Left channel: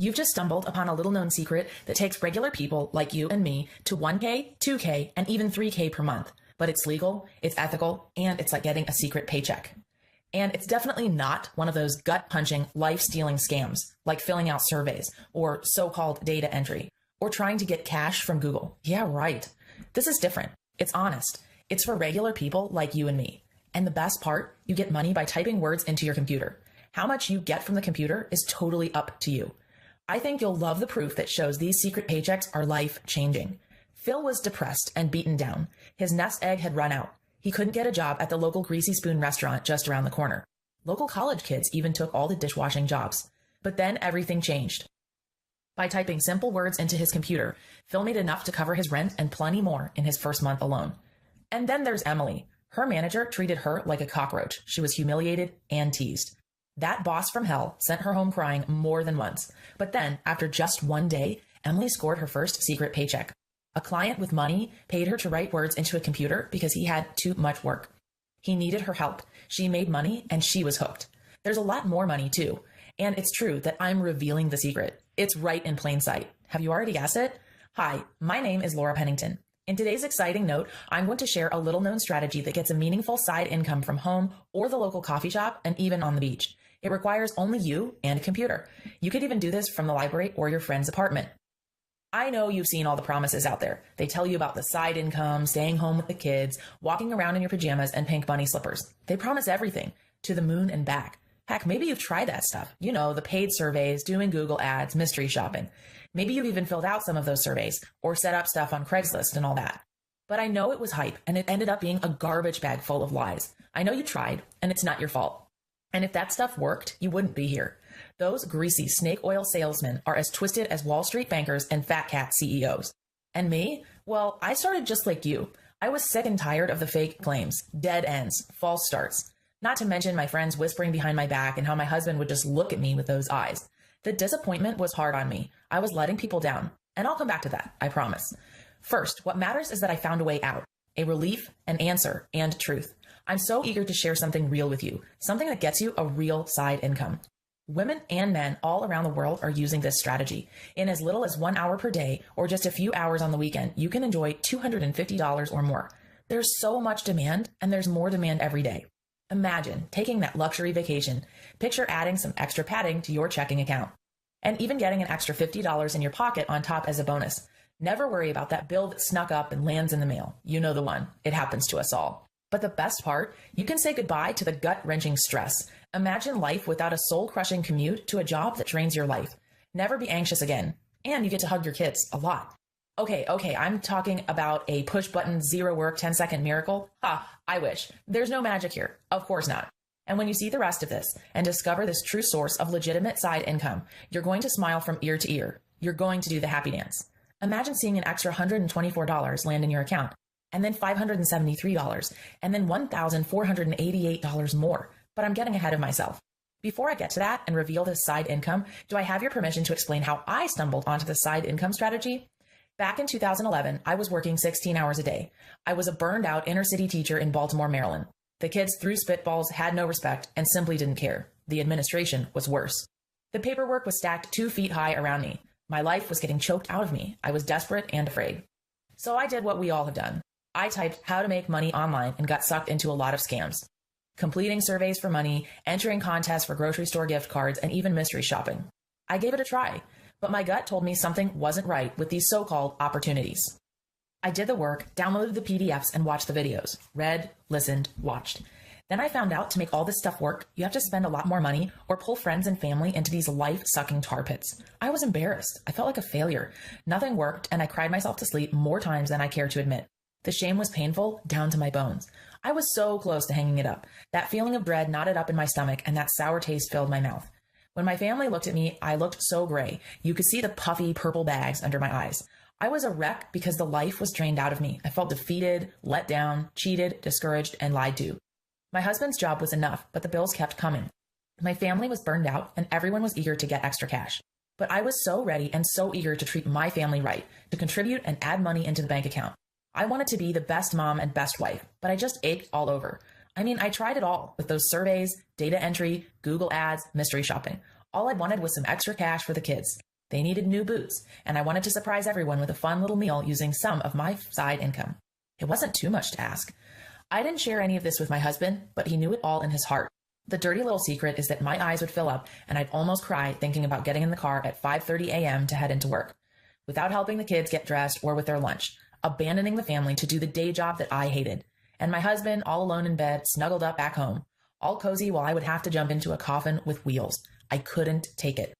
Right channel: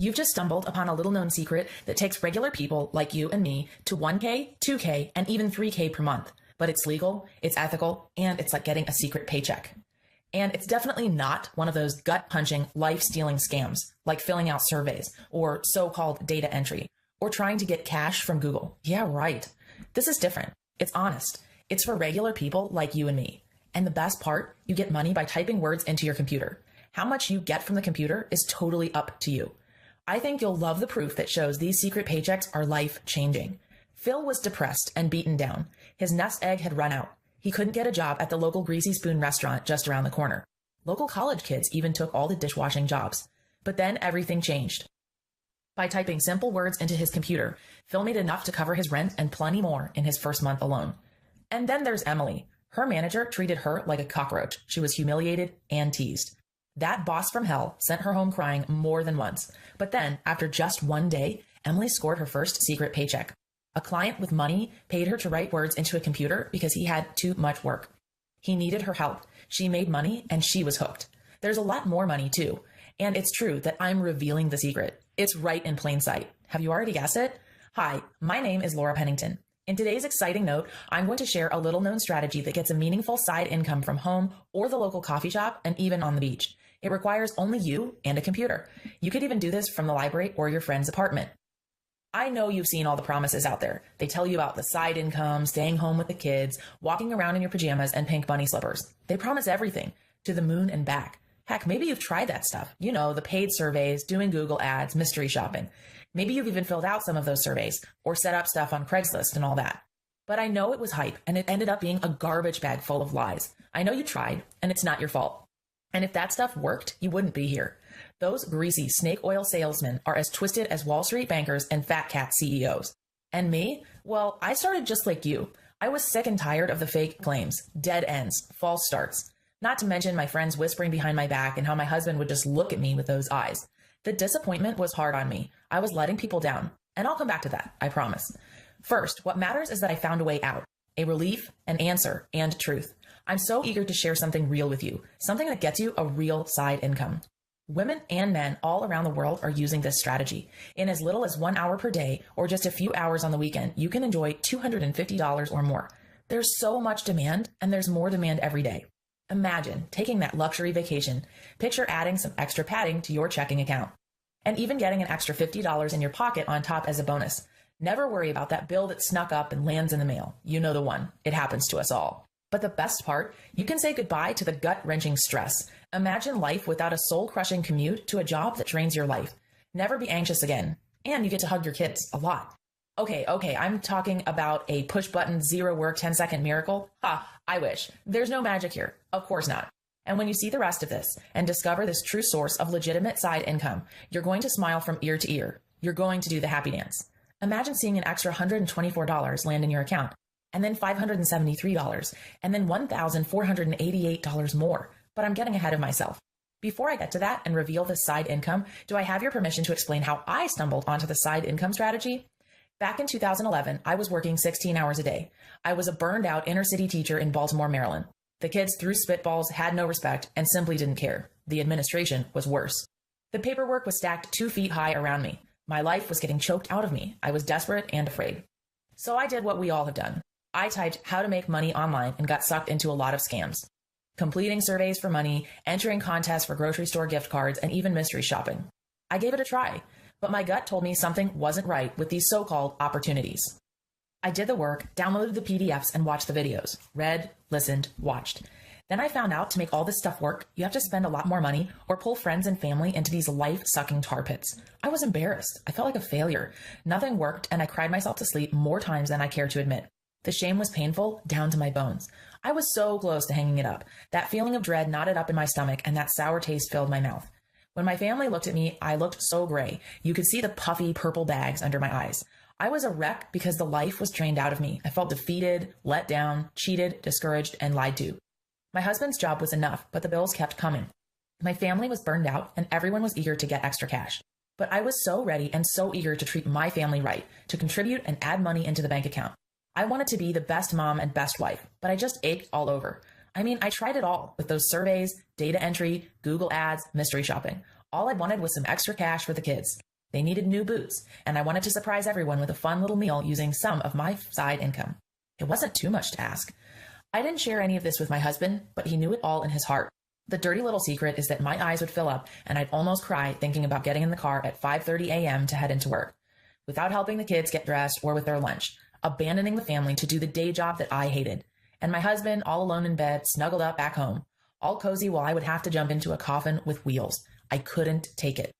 You've just stumbled upon a little known secret that takes regular people like you and me to 1K, 2K, and even 3K per month. But it's legal, it's ethical, and it's like getting a secret paycheck. And it's definitely not one of those gut-punching, life-stealing scams like filling out surveys or so-called data entry or trying to get cash from Google. Yeah, right. This is different. It's honest. It's for regular people like you and me. And the best part, you get money by typing words into your computer. How much you get from the computer is totally up to you. I think you'll love the proof that shows these secret paychecks are life-changing. Phil was depressed and beaten down. His nest egg had run out. He couldn't get a job at the local Greasy Spoon restaurant just around the corner. Local college kids even took all the dishwashing jobs. But then everything changed. By typing simple words into his computer, Phil made enough to cover his rent and plenty more in his first month alone. And then there's Emily. Her manager treated her like a cockroach. She was humiliated and teased. That boss from hell sent her home crying more than once. But then, after just one day, Emily scored her first secret paycheck. A client with money paid her to write words into a computer because he had too much work. He needed her help. She made money and she was hooked. There's a lot more money too. And it's true that I'm revealing the secret. It's right in plain sight. Have you already guessed it? Hi, my name is Laura Pennington. In today's exciting note, I'm going to share a little known strategy that gets a meaningful side income from home or the local coffee shop and even on the beach. It requires only you and a computer. You could even do this from the library or your friend's apartment. I know you've seen all the promises out there. They tell you about the side income, staying home with the kids, walking around in your pajamas and pink bunny slippers. They promise everything, to the moon and back. Heck, maybe you've tried that stuff. You know, the paid surveys, doing Google ads, mystery shopping. Maybe you've even filled out some of those surveys or set up stuff on Craigslist and all that. But I know it was hype and it ended up being a garbage bag full of lies. I know you tried and it's not your fault. And if that stuff worked, you wouldn't be here. Those greasy snake oil salesmen are as twisted as Wall Street bankers and fat cat CEOs. And me? Well, I started just like you. I was sick and tired of the fake claims, dead ends, false starts. Not to mention my friends whispering behind my back and how my husband would just look at me with those eyes. The disappointment was hard on me. I was letting people down. And I'll come back to that, I promise. First, what matters is that I found a way out. A relief, an answer, and truth. I'm so eager to share something real with you. Something that gets you a real side income. Women and men all around the world are using this strategy. In as little as 1 hour per day or just a few hours on the weekend, you can enjoy $250 or more. There's so much demand, and there's more demand every day. Imagine taking that luxury vacation. Picture adding some extra padding to your checking account. And even getting an extra $50 in your pocket on top as a bonus. Never worry about that bill that snuck up and lands in the mail. You know the one. It happens to us all. But the best part, you can say goodbye to the gut-wrenching stress. Imagine life without a soul-crushing commute to a job that drains your life. Never be anxious again. And you get to hug your kids a lot. Okay, I'm talking about a push-button, zero-work, 10-second miracle. I wish. There's no magic here. Of course not. And when you see the rest of this and discover this true source of legitimate side income, you're going to smile from ear to ear. You're going to do the happy dance. Imagine seeing an extra $124 land in your account, and then $573, and then $1,488 more. But I'm getting ahead of myself. Before I get to that and reveal this side income, do I have your permission to explain how I stumbled onto the side income strategy? Back in 2011, I was working 16 hours a day. I was a burned out inner city teacher in Baltimore, Maryland. The kids threw spitballs, had no respect, and simply didn't care. The administration was worse. The paperwork was stacked 2 feet high around me. My life was getting choked out of me. I was desperate and afraid. So I did what we all have done. I typed how to make money online and got sucked into a lot of scams. Completing surveys for money, entering contests for grocery store gift cards, and even mystery shopping. I gave it a try, but my gut told me something wasn't right with these so-called opportunities. I did the work, downloaded the PDFs, and watched the videos. Read, listened, watched. Then I found out to make all this stuff work, you have to spend a lot more money or pull friends and family into these life-sucking tar pits. I was embarrassed. I felt like a failure. Nothing worked, and I cried myself to sleep more times than I care to admit. The shame was painful, down to my bones. I was so close to hanging it up. That feeling of dread knotted up in my stomach, and that sour taste filled my mouth. When my family looked at me, I looked so gray. You could see the puffy purple bags under my eyes. I was a wreck because the life was drained out of me. I felt defeated, let down, cheated, discouraged, and lied to. My husband's job was enough, but the bills kept coming. My family was burned out, and everyone was eager to get extra cash. But I was so ready and so eager to treat my family right, to contribute and add money into the bank account. I wanted to be the best mom and best wife, but I just ached all over. I mean, I tried it all with those surveys, data entry, Google ads, mystery shopping. All I wanted was some extra cash for the kids. They needed new boots, and I wanted to surprise everyone with a fun little meal using some of my side income. It wasn't too much to ask. I didn't share any of this with my husband, but he knew it all in his heart. The dirty little secret is that my eyes would fill up and I'd almost cry thinking about getting in the car at 5:30 a.m. to head into work, without helping the kids get dressed or with their lunch, abandoning the family to do the day job that I hated, and my husband all alone in bed, snuggled up back home, all cozy while I would have to jump into a coffin with wheels. I couldn't take it.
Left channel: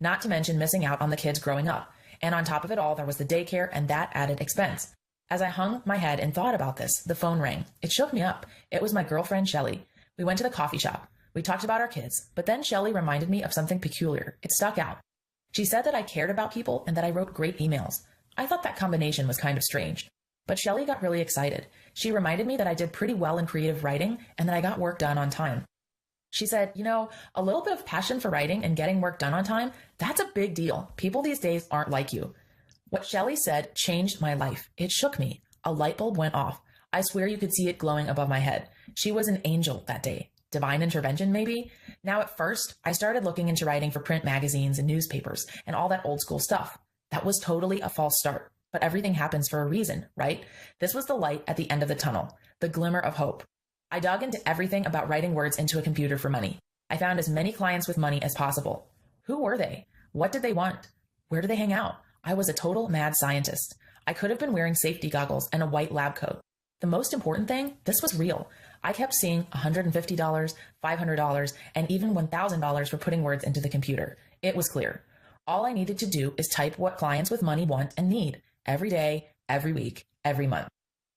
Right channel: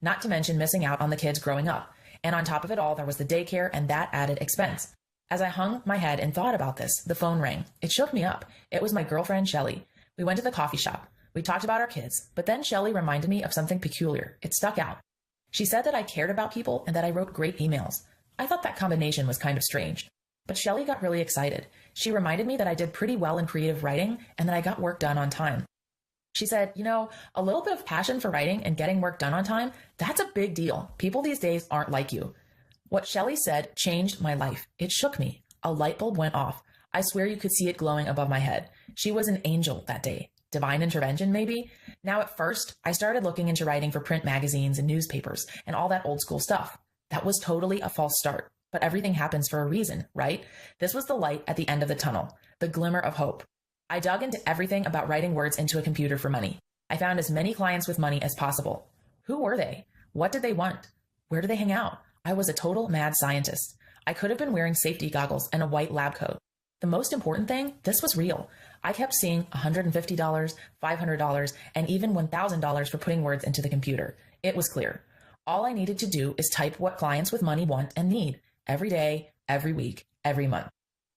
Not to mention missing out on the kids growing up. And on top of it all, there was the daycare and that added expense. As I hung my head and thought about this, the phone rang. It shook me up. It was my girlfriend, Shelly. We went to the coffee shop. We talked about our kids, but then Shelly reminded me of something peculiar. It stuck out. She said that I cared about people and that I wrote great emails. I thought that combination was kind of strange. But Shelly got really excited. She reminded me that I did pretty well in creative writing and that I got work done on time. She said, a little bit of passion for writing and getting work done on time, that's a big deal. People these days aren't like you. What Shelly said changed my life. It shook me. A light bulb went off. I swear you could see it glowing above my head. She was an angel that day. Divine intervention, maybe? Now, at first, I started looking into writing for print magazines and newspapers and all that old school stuff. That was totally a false start. But everything happens for a reason, right? This was the light at the end of the tunnel, the glimmer of hope. I dug into everything about writing words into a computer for money. I found as many clients with money as possible. Who were they? What did they want? Where do they hang out? I was a total mad scientist. I could have been wearing safety goggles and a white lab coat. The most important thing, this was real. I kept seeing $150, $500, and even $1,000 for putting words into the computer. It was clear. All I needed to do is type what clients with money want and need, every day, every week, every month.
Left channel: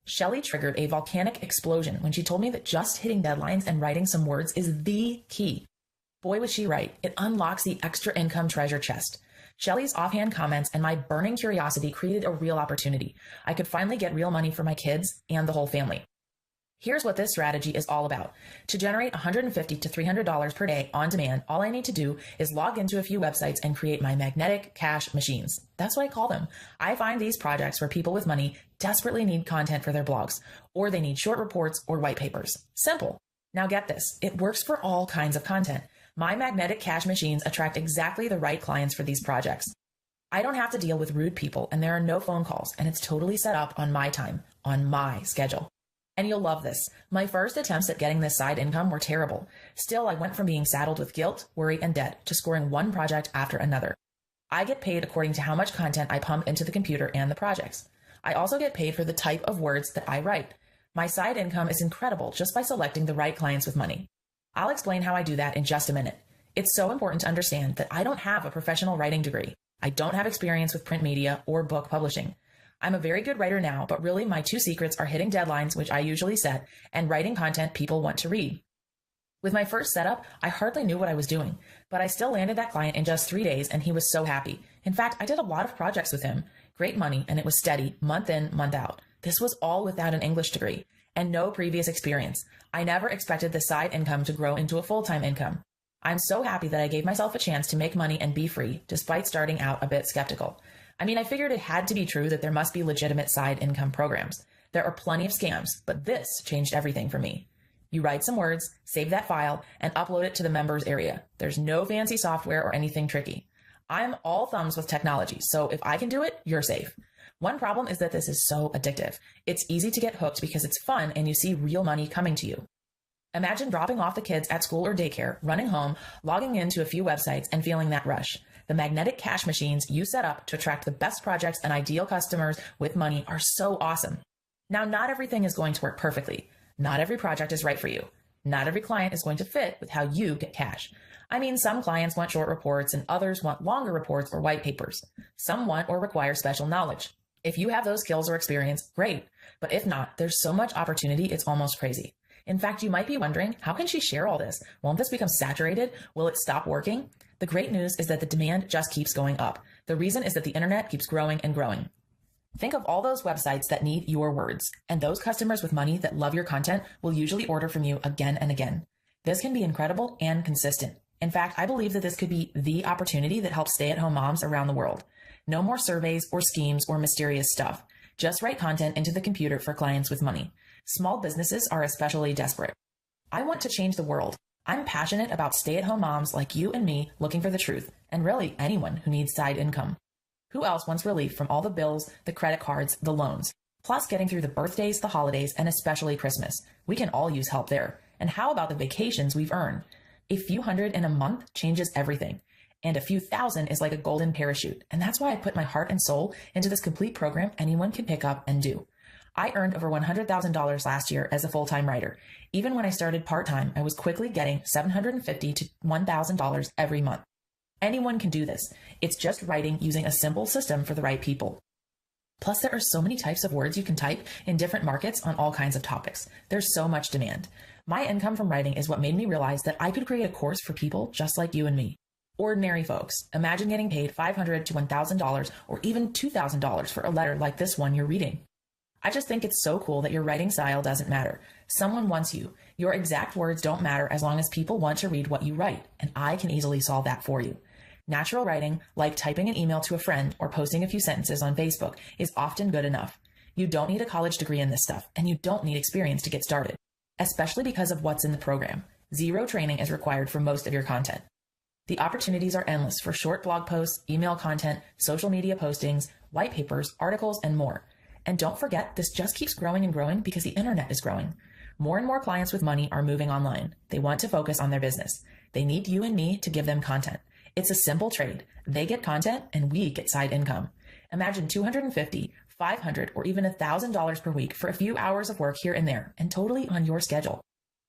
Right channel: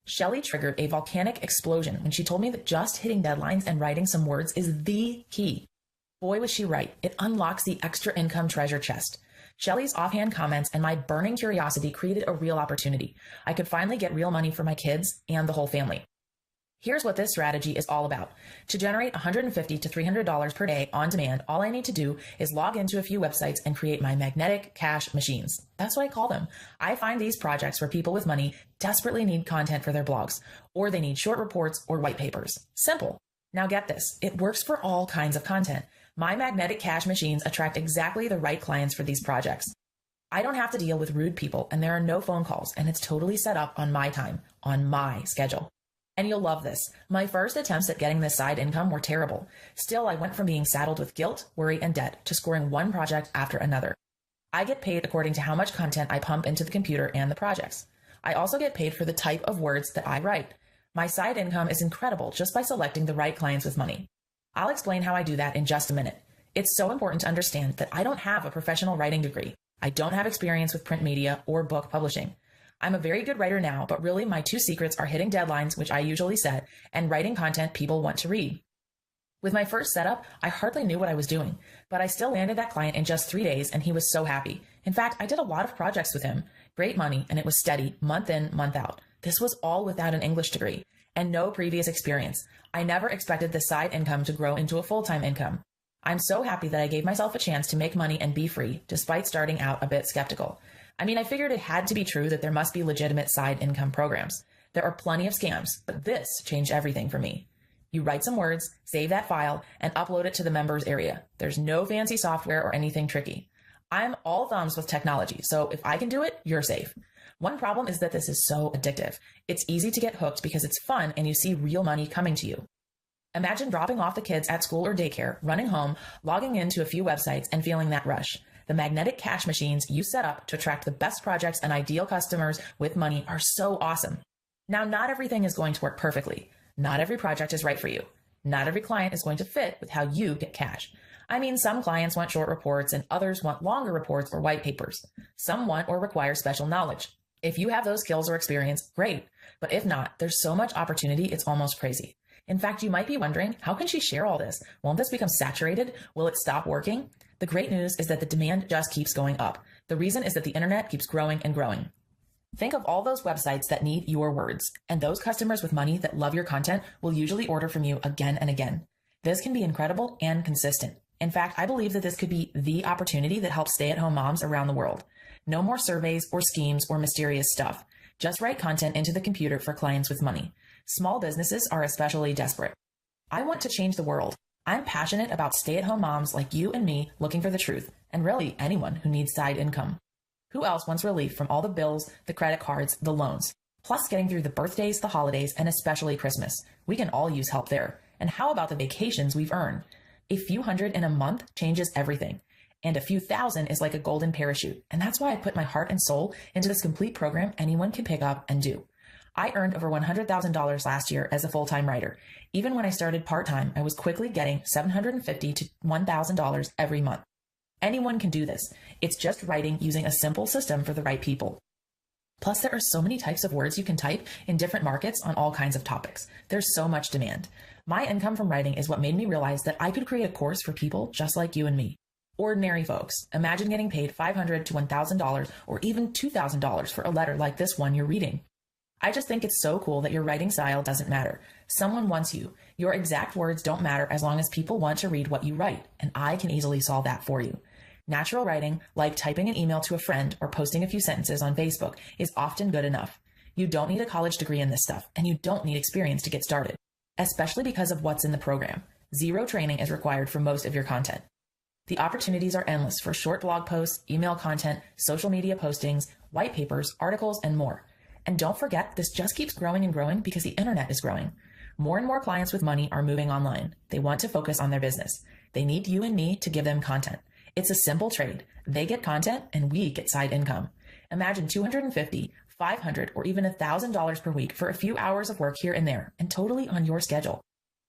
Shelly triggered a volcanic explosion when she told me that just hitting deadlines and writing some words is the key. Boy, was she right. It unlocks the extra income treasure chest. Shelly's offhand comments and my burning curiosity created a real opportunity. I could finally get real money for my kids and the whole family. Here's what this strategy is all about. To generate $150 to $300 per day on demand, all I need to do is log into a few websites and create my magnetic cash machines. That's what I call them. I find these projects where people with money desperately need content for their blogs, or they need short reports or white papers. Simple. Now get this. It works for all kinds of content. My magnetic cash machines attract exactly the right clients for these projects. I don't have to deal with rude people, and there are no phone calls, and it's totally set up on my time, on my schedule. And you'll love this. My first attempts at getting this side income were terrible. Still, I went from being saddled with guilt, worry, and debt to scoring one project after another. I get paid according to how much content I pump into the computer and the projects. I also get paid for the type of words that I write. My side income is incredible just by selecting the right clients with money. I'll explain how I do that in just a minute. It's so important to understand that I don't have a professional writing degree. I don't have experience with print media or book publishing. I'm a very good writer now, but really my two secrets are hitting deadlines, which I usually set, and writing content people want to read. With my first setup, I hardly knew what I was doing, but I still landed that client in just 3 days, and he was so happy. In fact, I did a lot of projects with him. Great money, and it was steady, month in, month out. This was all without an English degree and no previous experience. I never expected the side income to grow into a full-time income. I'm so happy that I gave myself a chance to make money and be free, despite starting out a bit skeptical. I figured it had to be true that there must be legitimate side income programs. There are plenty of scams, but this changed everything for me. You write some words, save that file, and upload it to the members area. There's no fancy software or anything tricky. I'm all thumbs with technology, so if I can do it, you're safe. One problem is that this is so addictive. It's easy to get hooked because it's fun and you see real money coming to you. Imagine dropping off the kids at school or daycare, running home, logging into a few websites, and feeling that rush. The magnetic cash machines you set up to attract the best projects and ideal customers with money are so awesome. Now, not everything is going to work perfectly. Not every project is right for you. Not every client is going to fit with how you get cash. Some clients want short reports and others want longer reports or white papers. Some want or require special knowledge. If you have those skills or experience, great. But if not, there's so much opportunity, it's almost crazy. In fact, you might be wondering, how can she share all this? Won't this become saturated? Will it stop working? The great news is that the demand just keeps going up. The reason is that the internet keeps growing and growing. Think of all those websites that need your words, and those customers with money that love your content will usually order from you again and again. This can be incredible and consistent. In fact, I believe that this could be the opportunity that helps stay-at-home moms around the world. No more surveys or schemes or mysterious stuff. Just write content into the computer for clients with money. Small businesses are especially desperate. I want to change the world. I'm passionate about stay-at-home moms like you and me looking for the truth, and really anyone who needs side income. Who else wants relief from all the bills, the credit cards, the loans? Plus getting through the birthdays, the holidays, and especially Christmas. We can all use help there. And how about the vacations we've earned? A few hundred in a month changes everything. And a few thousand is like a golden parachute. And that's why I put my heart and soul into this complete program anyone can pick up and do. I earned over $100,000 last year as a full-time writer. Even when I started part-time, I was quickly getting $750 to $1,000 every month. Anyone can do this. It's just writing using a simple system for the right people. Plus, there are so many types of words you can type in different markets on all kinds of topics. There's so much demand. My income from writing is what made me realize that I could create a course for people just like you and me. Ordinary folks. Imagine getting paid $500 to $1,000 or even $2,000 for a letter like this one you're reading. I just think it's so cool that your writing style doesn't matter. Someone wants you. Your exact words don't matter as long as people want to read what you write, and I can easily solve that for you. Natural writing, like typing an email to a friend or posting a few sentences on Facebook, is often good enough. You don't need a college degree in this stuff, and you don't need experience to get started, especially because of what's in the program. Zero training is required for most of your content. The opportunities are endless for short blog posts, email content, social media postings, white papers, articles, and more. And don't forget, this just keeps growing and growing because the internet is growing. More and more clients with money are moving online. They want to focus on their business. They need you and me to give them content. It's a simple trade. They get content and we get side income. Imagine $250, $500, or even $1,000 per week for a few hours of work here and there, and totally on your schedule.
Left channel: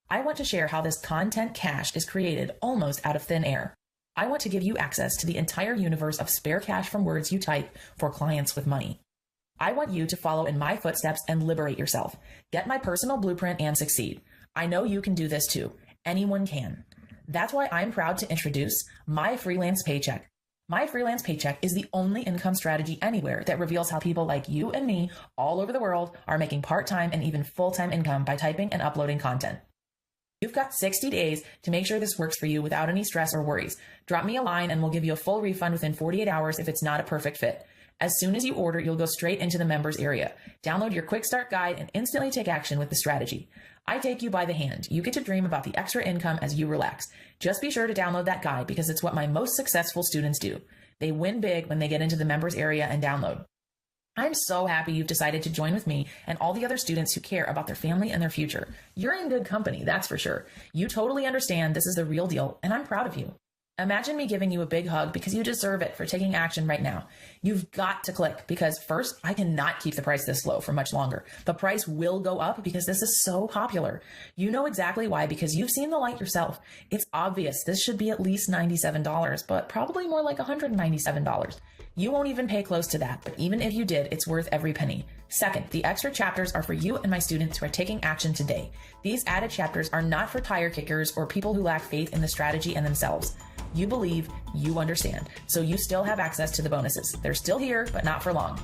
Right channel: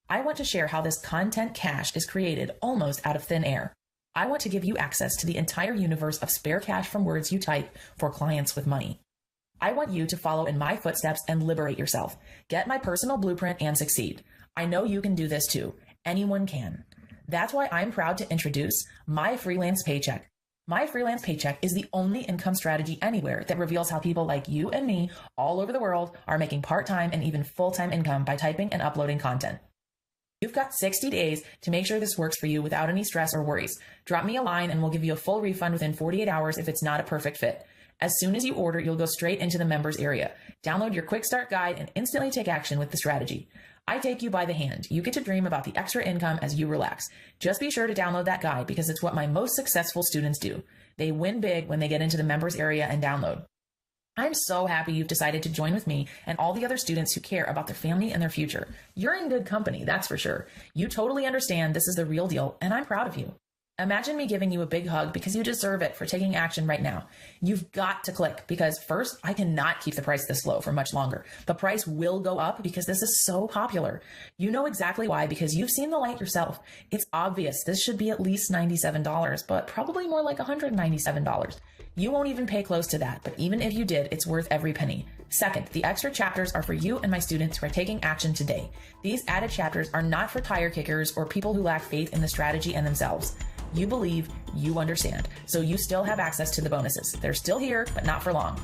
I want to share how this content cash is created almost out of thin air. I want to give you access to the entire universe of spare cash from words you type for clients with money. I want you to follow in my footsteps and liberate yourself. Get my personal blueprint and succeed. I know you can do this too. Anyone can. That's why I'm proud to introduce my Freelance Paycheck. My Freelance Paycheck is the only income strategy anywhere that reveals how people like you and me all over the world are making part-time and even full-time income by typing and uploading content. You've got 60 days to make sure this works for you without any stress or worries. Drop me a line and we'll give you a full refund within 48 hours if it's not a perfect fit. As soon as you order, you'll go straight into the members area. Download your quick start guide and instantly take action with the strategy. I take you by the hand. You get to dream about the extra income as you relax. Just be sure to download that guide because it's what my most successful students do. They win big when they get into the members area and download. I'm so happy you've decided to join with me and all the other students who care about their family and their future. You're in good company, that's for sure. You totally understand this is the real deal, and I'm proud of you. Imagine me giving you a big hug because you deserve it for taking action right now. You've got to click because first, I cannot keep the price this low for much longer. The price will go up because this is so popular. You know exactly why because you've seen the light yourself. It's obvious this should be at least $97, but probably more like $197. You won't even pay close to that, but even if you did, it's worth every penny. Second, the extra chapters are for you and my students who are taking action today. These added chapters are not for tire kickers or people who lack faith in the strategy and themselves. You believe, you understand, so you still have access to the bonuses. They're still here, but not for long.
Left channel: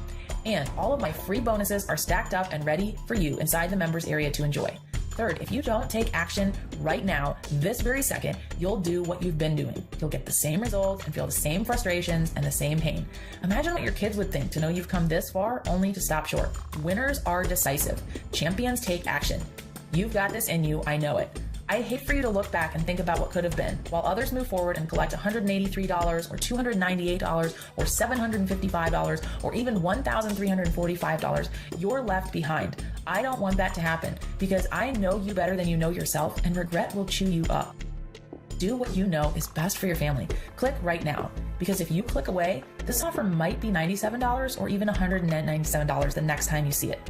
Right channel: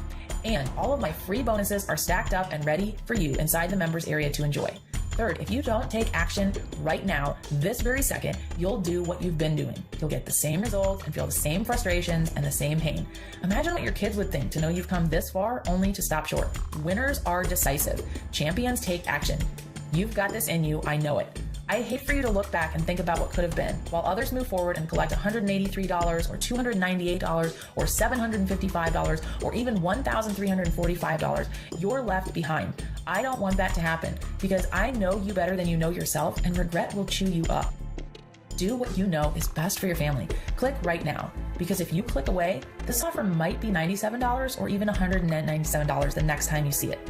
And all of my free bonuses are stacked up and ready for you inside the members area to enjoy. Third, if you don't take action right now, this very second, you'll do what you've been doing. You'll get the same results and feel the same frustrations and the same pain. Imagine what your kids would think to know you've come this far only to stop short. Winners are decisive. Champions take action. You've got this in you, I know it. I hate for you to look back and think about what could have been, while others move forward and collect $183 or $298 or $755 or even $1,345. You're left behind. I don't want that to happen because I know you better than you know yourself, and regret will chew you up. Do what you know is best for your family. Click right now, because if you click away, this offer might be $97 or even $197 the next time you see it.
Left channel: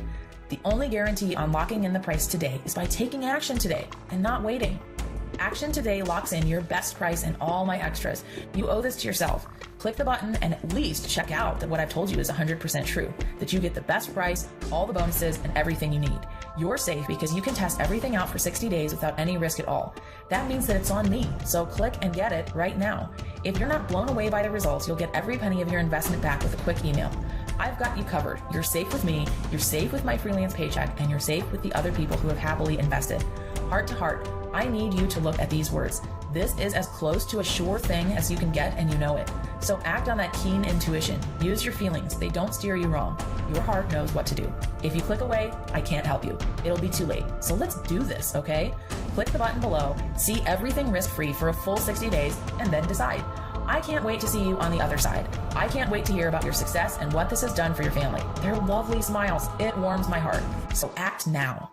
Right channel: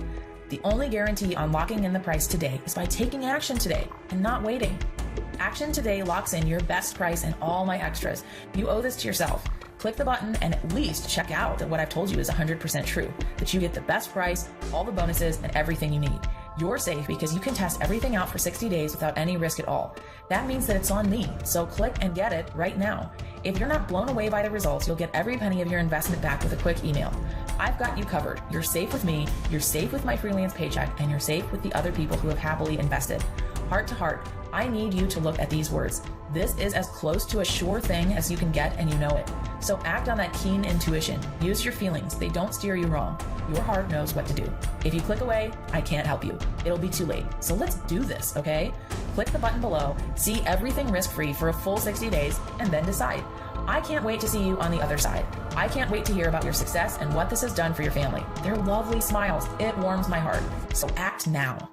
The only guarantee on locking in the price today is by taking action today and not waiting. Action today locks in your best price and all my extras. You owe this to yourself. Click the button and at least check out that what I've told you is 100% true, that you get the best price, all the bonuses, and everything you need. You're safe because you can test everything out for 60 days without any risk at all. That means that it's on me, so click and get it right now. If you're not blown away by the results, you'll get every penny of your investment back with a quick email. I've got you covered. You're safe with me, you're safe with my Freelance Paycheck, and you're safe with the other people who have happily invested. Heart to heart, I need you to look at these words. This is as close to a sure thing as you can get, and you know it. So act on that keen intuition. Use your feelings. They don't steer you wrong. Your heart knows what to do. If you click away, I can't help you. It'll be too late. So let's do this, okay? click the button below, see everything risk-free for a full 60 days, and then decide. I can't wait to see you on the other side. I can't wait to hear about your success and what this has done for your family. Their lovely smiles, it warms my heart. So act now.